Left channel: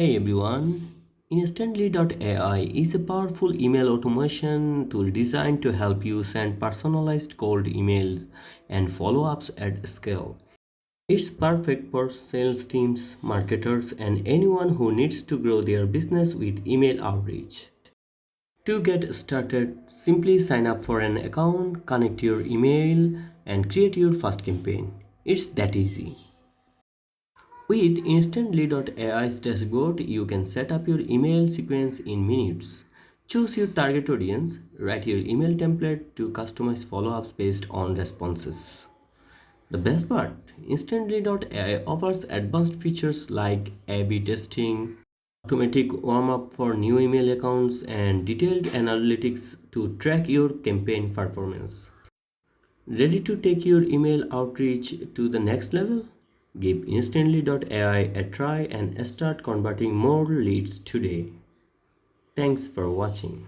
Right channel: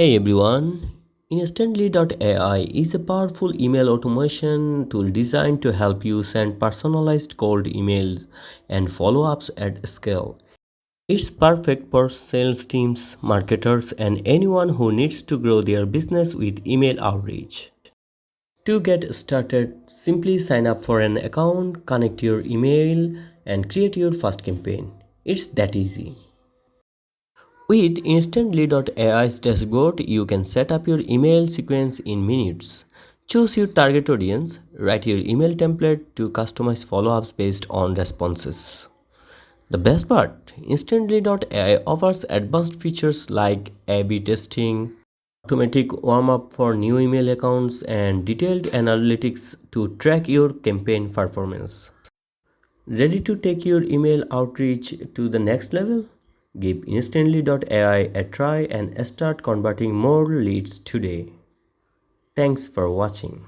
Hey everyone, Instantly.ai is a powerful email automation tool designed to help you send personalized cold emails and follow ups at scale. It's perfect for sales teams, marketers, and anyone who needs to grow their business with email outreach. To get started, simply sign up for an account, connect your email, and create your first campaign. It's that easy. With Instantly.ai's dashboard, you can set up your email sequence in minutes. Choose your target audience, write your email template to customize follow ups based on responses. The best part Instantly.ai offers advanced features like A B testing, automatic warm up for new email accounts, and detailed analytics to track your campaign performance. Ready to take your email outreach to the next level? Give Instantly.ai a try and start converting more leads today. Thanks for watching.